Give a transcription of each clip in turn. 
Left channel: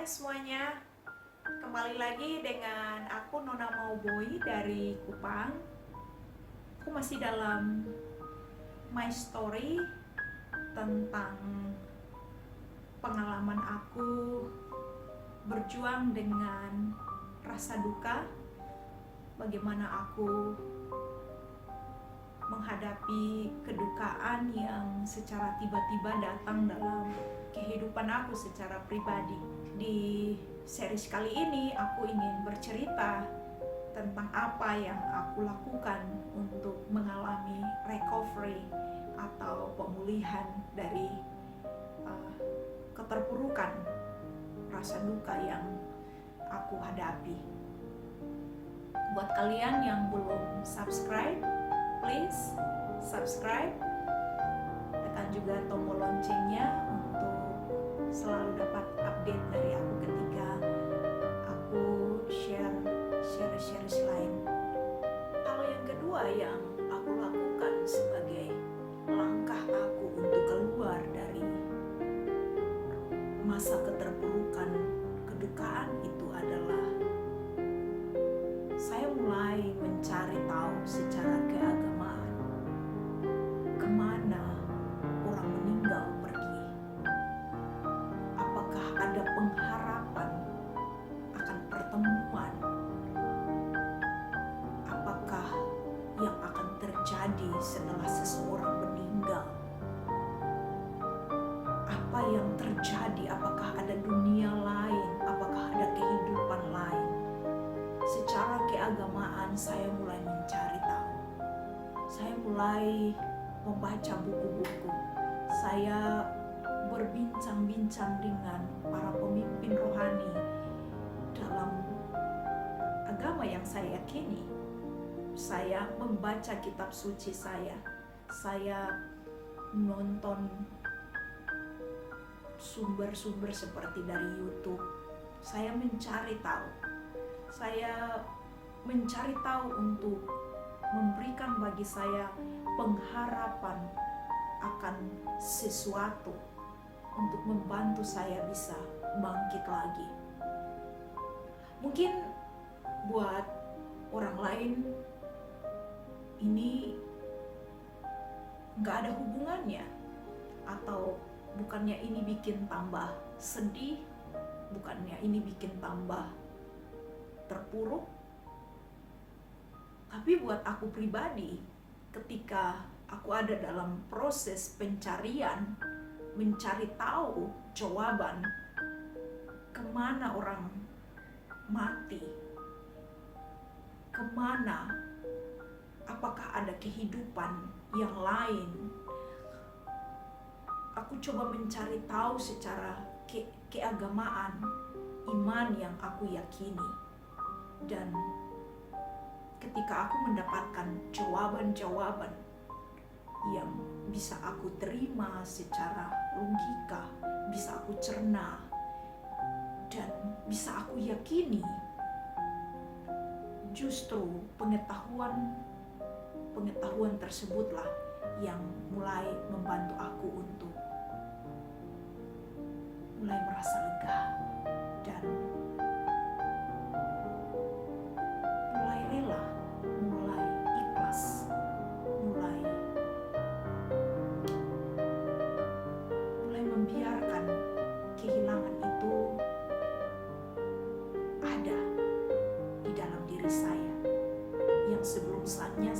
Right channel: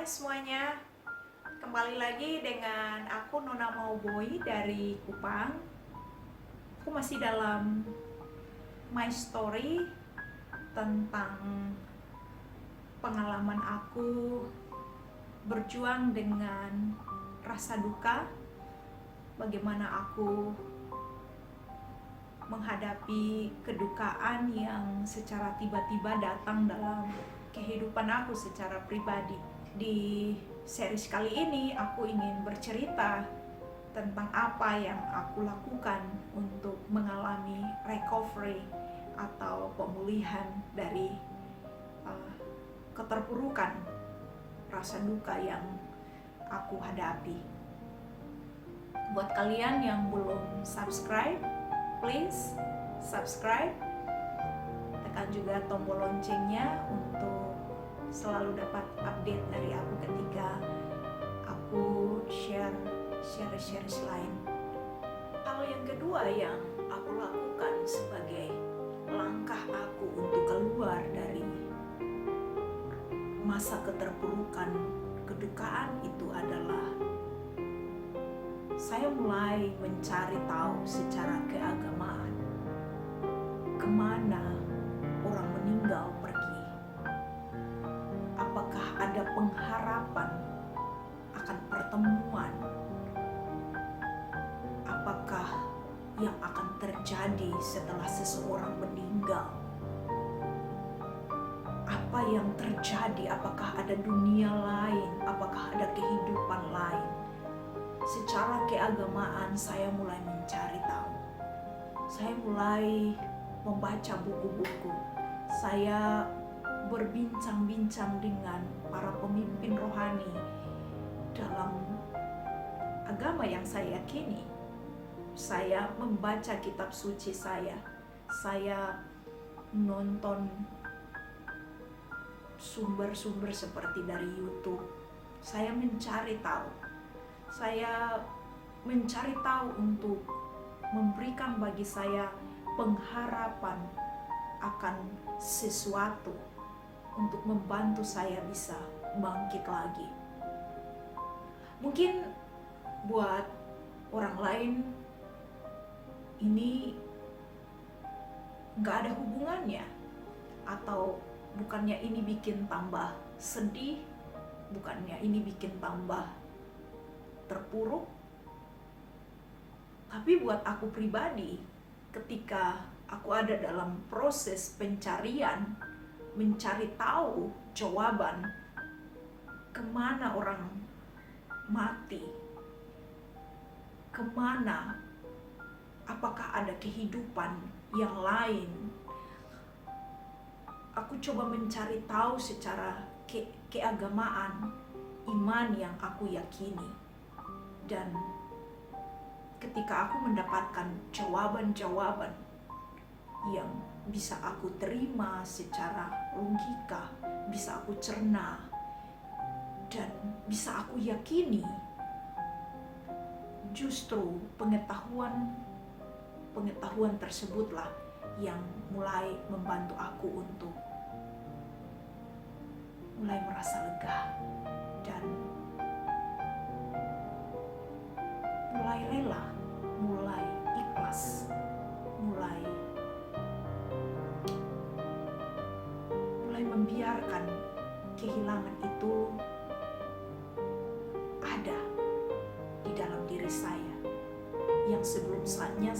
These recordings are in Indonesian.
Hai semuanya, kembali lagi dengan aku Nona Mauboy dari Kupang. Aku masih dalam my story tentang pengalaman aku berjuang dengan rasa duka, bagaimana aku menghadapi kedukaan yang secara tiba-tiba datang dalam kehidupan aku secara pribadi. Di series kali ini aku ingin bercerita tentang apa yang aku lakukan untuk mengalami recovery atau pemulihan dari keterpurukan rasa duka yang aku hadapi. Buat kalian yang belum subscribe, please subscribe, tekan juga tombol loncengnya untuk selalu dapat update dari aku ketika aku share lain. Hal yang kedua yang aku lakukan sebagai langkah aku untuk keluar dari masa keterpurukan kedukaan itu adalah saya mulai mencari tahu secara keagamaan kemana orang meninggal pergi. Apakah ada pengharapan akan pertemuan? Apakah yang akan terjadi setelah seseorang meninggal? Apa yang terjadi? Apakah ada dunia lain? Apakah ada kehidupan lain? Secara keagamaan saya mulai mencari tahu. Saya mulai membaca buku-buku. Saya berbincang-bincang dengan para pemimpin rohani dalam agama yang saya yakini. Saya membaca kitab suci saya nonton sumber-sumber seperti dari YouTube. Saya mencari tahu. Saya mencari tahu untuk memberikan bagi saya pengharapan akan sesuatu untuk membantu saya bisa bangkit lagi. Mungkin buat orang lain ini gak ada hubungannya, atau bukannya ini bikin tambah sedih, bukannya ini bikin tambah terpuruk. Tapi buat aku pribadi, ketika aku ada dalam proses pencarian, mencari tahu jawaban kemana orang mati, kemana, apakah ada kehidupan yang lain, aku coba mencari tahu secara keagamaan, iman yang aku yakini. Dan ketika aku mendapatkan jawaban-jawaban yang bisa aku terima secara logika, bisa aku cerna, dan bisa aku yakini, justru pengetahuan tersebutlah yang mulai membantu aku untuk mulai merasa lega dan mulai rela, mulai ikhlas, mulai membiarkan kehilangan itu ada di dalam diri saya, yang sebelum saatnya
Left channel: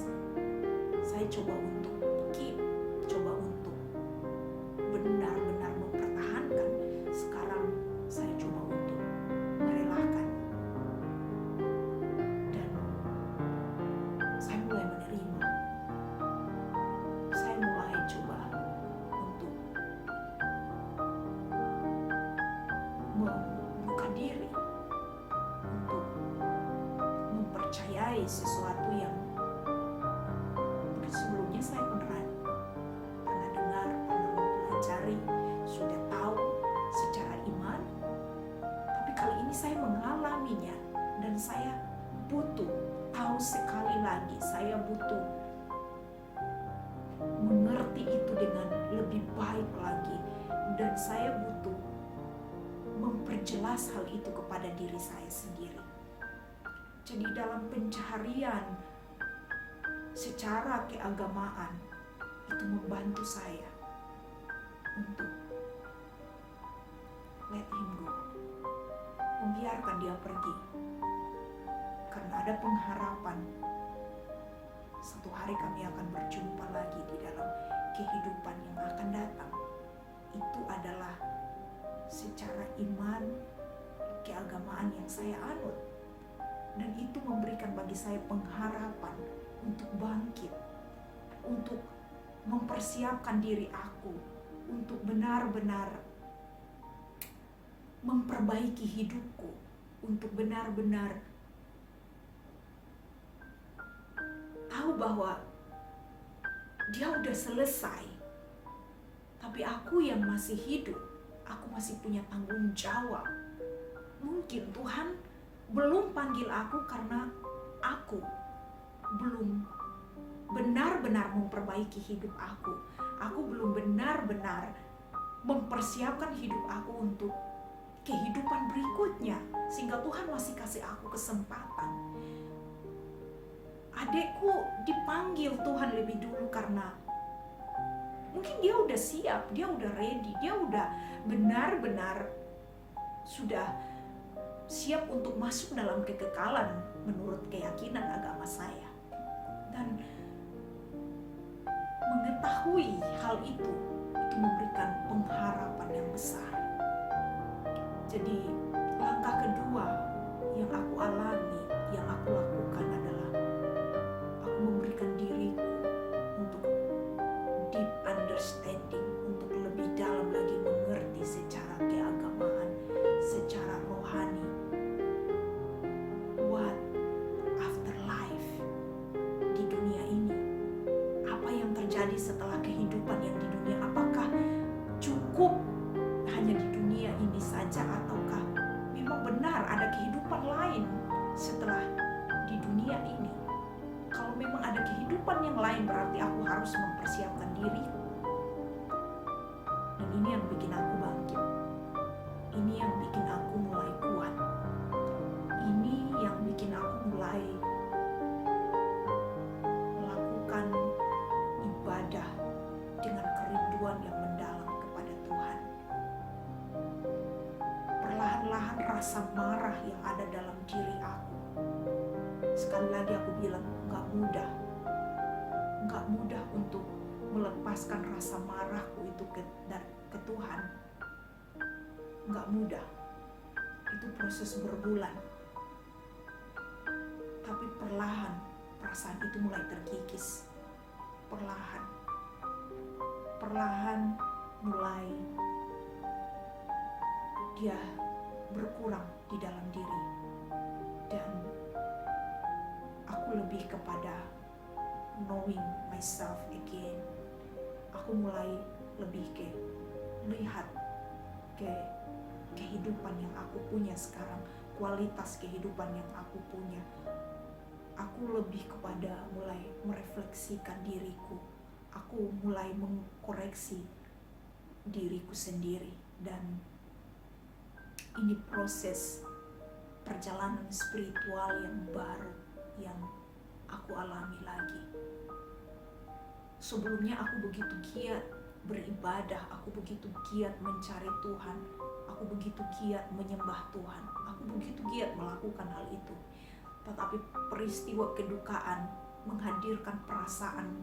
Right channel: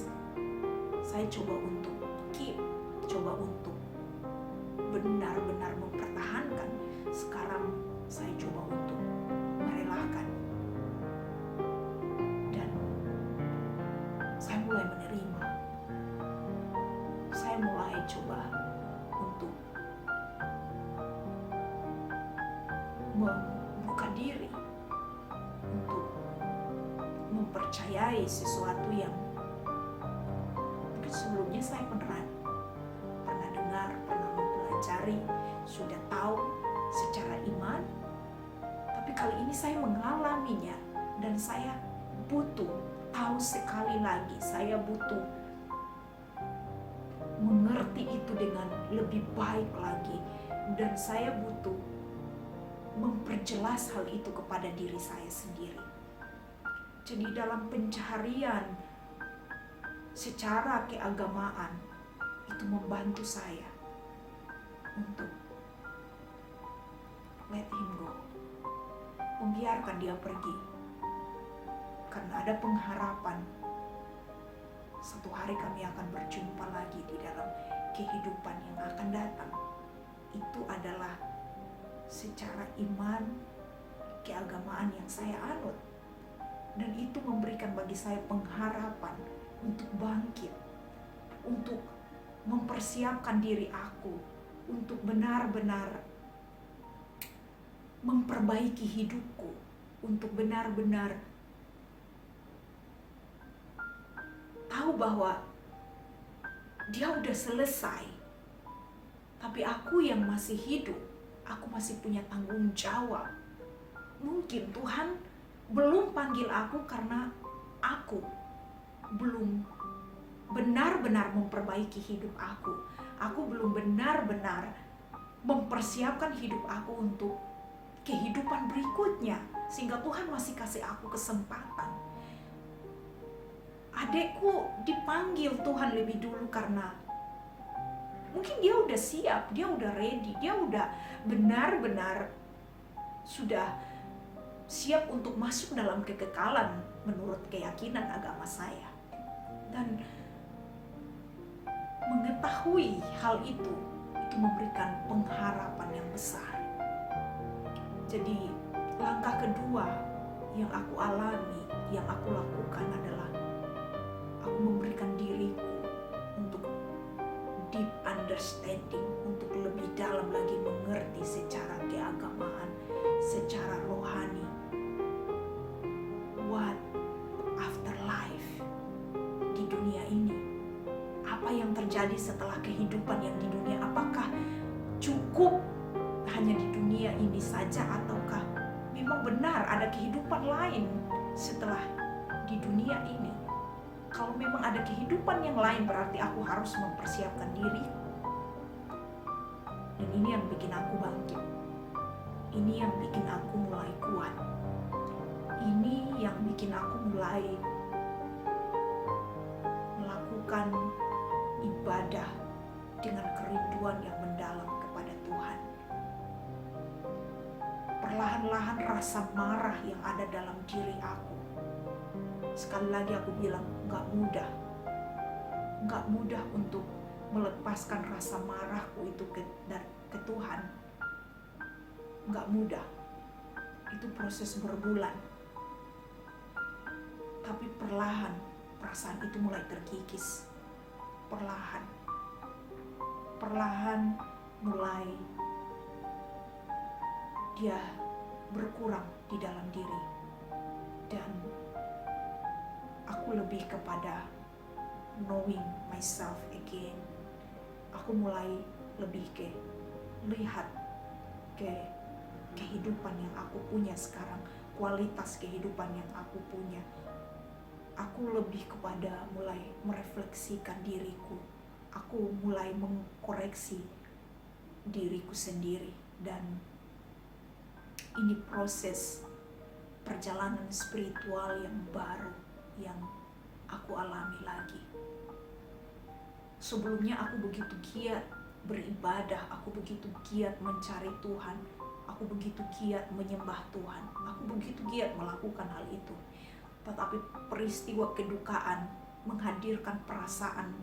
saya coba untuk coba untuk benar-benar mempertahankan, sekarang saya coba untuk merelakan. Dan saya mulai menerima. Saya mulai coba untuk membuka diri untuk mempercayai sesuatu yang mungkin sebelumnya saya pernah dengar, pernah mempelajari, sudah tahu secara iman, tapi kali ini saya mengalaminya dan saya butuh tahu sekali lagi. Saya butuh mengerti itu dengan lebih baik lagi, dan saya butuh memperjelas hal itu kepada diri saya sendiri. Jadi dalam pencaharian secara keagamaan itu membantu saya untuk let him go, membiarkan dia pergi, karena ada pengharapan satu hari kami akan berjumpa lagi di dalam kehidupan yang akan datang. Itu adalah secara iman, keagamaan yang saya anut, dan itu memberikan bagi saya pengharapan untuk bangkit, untuk mempersiapkan diri aku untuk benar-benar memperbaiki hidupku, untuk benar-benar tahu bahwa dia udah selesai, tapi aku yang masih hidup, aku masih punya tanggung jawab. Mungkin Tuhan belum panggil aku karena aku belum benar-benar memperbaiki hidup aku. Aku belum benar-benar mempersiapkan hidup aku untuk kehidupan berikutnya, sehingga Tuhan masih kasih aku kesempatan. Adekku dipanggil Tuhan lebih dulu karena mungkin dia udah siap, dia udah ready, dia udah benar-benar sudah siap untuk masuk dalam kekekalan menurut keyakinan agama saya. Dan mengetahui hal itu memberikan pengharapan yang besar. Jadi langkah kedua yang aku alami, yang aku lakukan adalah aku memberikan diriku untuk deep understanding, untuk lebih dalam lagi mengerti secara keagamaan, secara rohani, what after life di dunia ini. Apa yang terjadi setelah kehidupan yang di dunia? Apakah cukup hanya di dunia ini saja, ataukah memang benar ada kehidupan lain setelah di dunia ini? Kalau memang ada kehidupan yang lain, berarti aku harus mempersiapkan diri. Dan ini yang bikin aku bangkit. Ini yang bikin aku mulai kuat. Ini yang bikin aku mulai melakukan ibadah dengan kerinduan yang mendalam kepada Tuhan. Perlahan-lahan rasa marah yang ada dalam diri aku, sekali lagi aku bilang, gak mudah untuk melepaskan rasa marahku itu ke Tuhan. Gak mudah, itu proses berbulan. Tapi perlahan perasaan itu mulai terkikis. Perlahan mulai dia berkurang di dalam diri. Dan aku lebih kepada knowing myself again. Aku mulai lebih lihat ke kehidupan yang aku punya sekarang, kualitas kehidupan yang aku punya. Aku lebih kepada mulai merefleksikan diriku. Aku mulai mengkoreksi diriku sendiri. Dan ini proses perjalanan spiritual yang baru yang aku alami lagi. Sebelumnya aku begitu giat beribadah, aku begitu giat mencari Tuhan, aku begitu giat menyembah Tuhan, aku begitu giat melakukan hal itu. Tetapi peristiwa kedukaan menghadirkan perasaan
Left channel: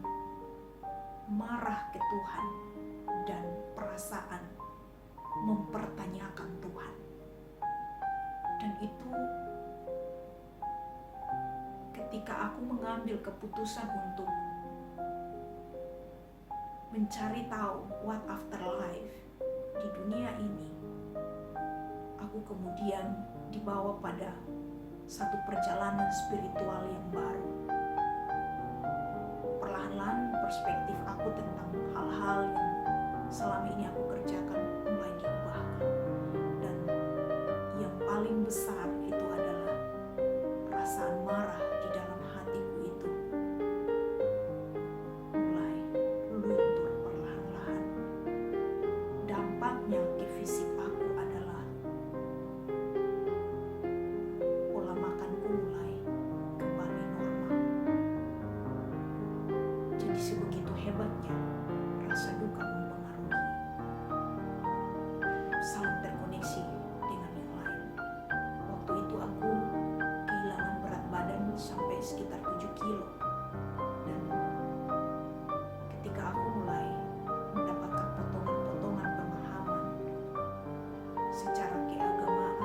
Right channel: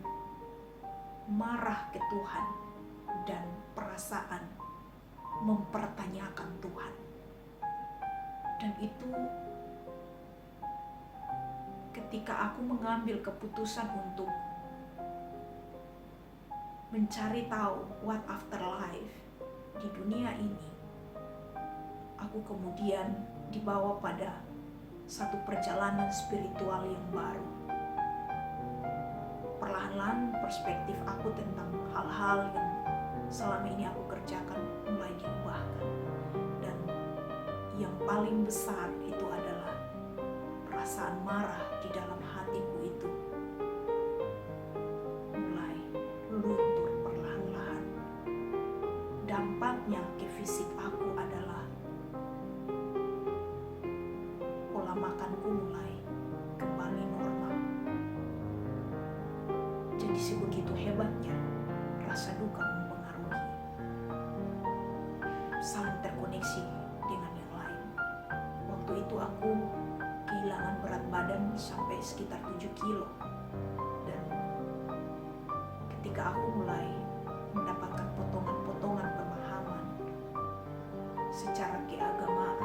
marah ke Tuhan dan perasaan mempertanyakan Tuhan. Dan itu ketika aku mengambil keputusan untuk mencari tahu what after life di dunia ini, aku kemudian dibawa pada satu perjalanan spiritual yang baru. Perlahan-lahan perspektif aku tentang hal-hal yang selama ini aku kerjakan mulai diubahkan. Dan yang paling besar itu adalah perasaan marah di dalam hatiku itu mulai luntur perlahan-lahan. Dampaknya ke fisik aku adalah pola makanku mulai kembali normal. Jadi sebegitu hebatnya rasa duka mempengaruhi, saling terkoneksi dengan yang lain. Waktu itu aku kehilangan berat badan sampai sekitar 7 kilo. Dan ketika aku mulai mendapatkan potongan-potongan pemahaman secara keagamaan,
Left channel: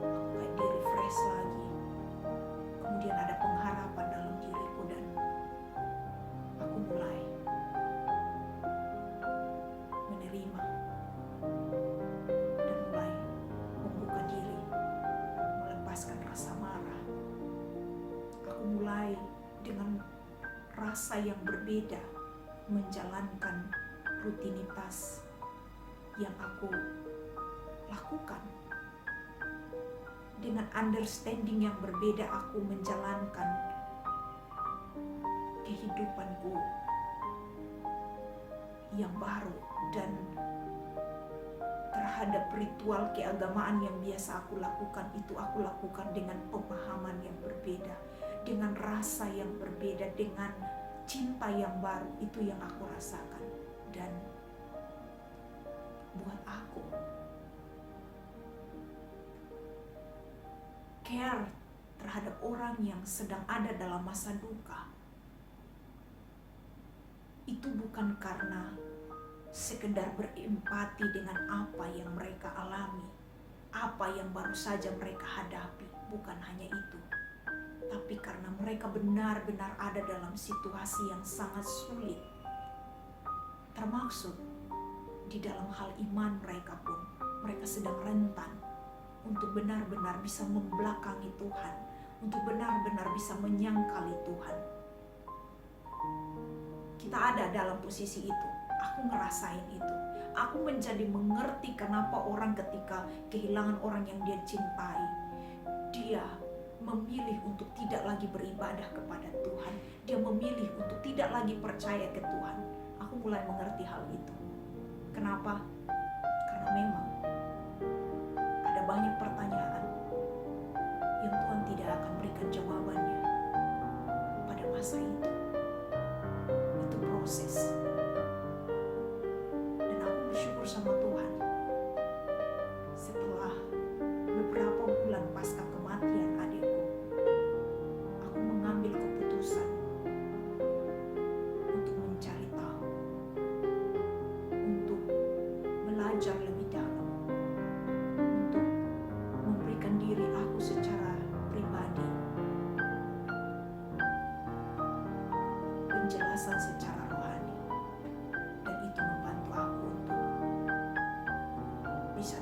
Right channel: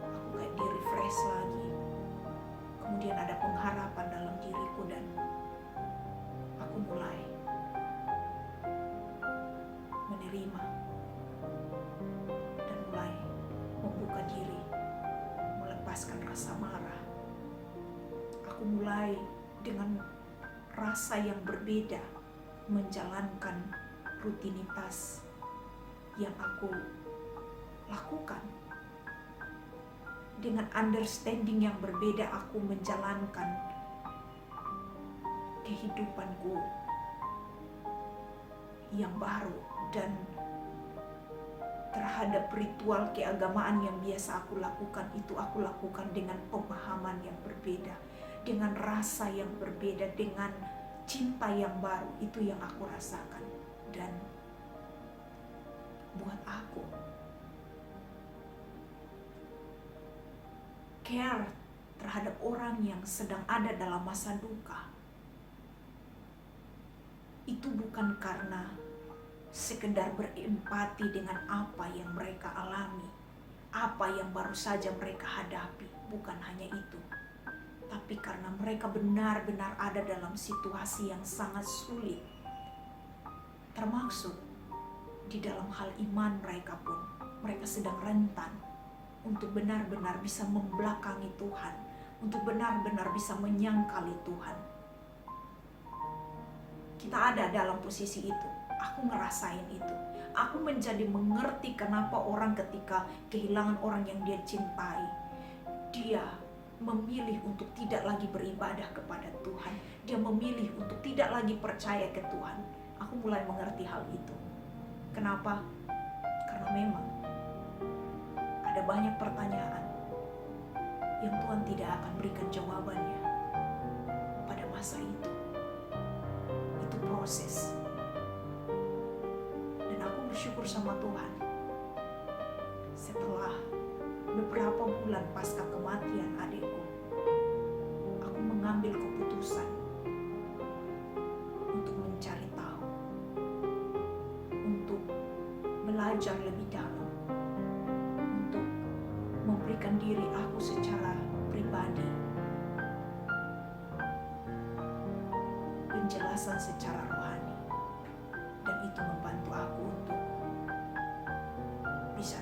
aku kayak di-refresh lagi. Kemudian ada pengharapan dalam diriku dan aku mulai menerima dan mulai membuka diri, melepaskan rasa marah. Aku mulai dengan rasa yang berbeda menjalankan rutinitas yang aku lakukan. Dengan understanding yang berbeda aku menjalankan kehidupanku yang baru, dan terhadap ritual keagamaan yang biasa aku lakukan itu aku lakukan dengan pemahaman yang berbeda, dengan rasa yang berbeda, dengan cinta yang baru. Itu yang aku rasakan. Dan buat aku, care terhadap orang yang sedang ada dalam masa duka itu bukan karena sekedar berempati dengan apa yang mereka alami, apa yang baru saja mereka hadapi. Bukan hanya itu, tapi karena mereka benar-benar ada dalam situasi yang sangat sulit, termasuk di dalam hal iman mereka pun. Mereka sedang rentan untuk benar-benar bisa membelakangi Tuhan, untuk benar-benar bisa menyangkali Tuhan. Kita ada dalam posisi itu. Aku ngerasain itu. Aku menjadi mengerti kenapa orang ketika kehilangan orang yang dia cintai, dia memilih untuk tidak lagi beribadah kepada Tuhan. Dia memilih untuk tidak lagi percaya ke Tuhan. Aku mulai mengerti hal itu. Kenapa? Karena memang ada banyak pertanyaan yang Tuhan tidak akan berikan jawabannya pada masa itu. Itu proses. Dan aku bersyukur sama Tuhan. Setelah beberapa bulan pasca kematian adikku, aku mengambil keputusan untuk mencari tahu, untuk belajar lebih dalam, untuk memberikan diri aku secara pribadi penjelasan secara rohani. Dan itu membantu aku untuk bisa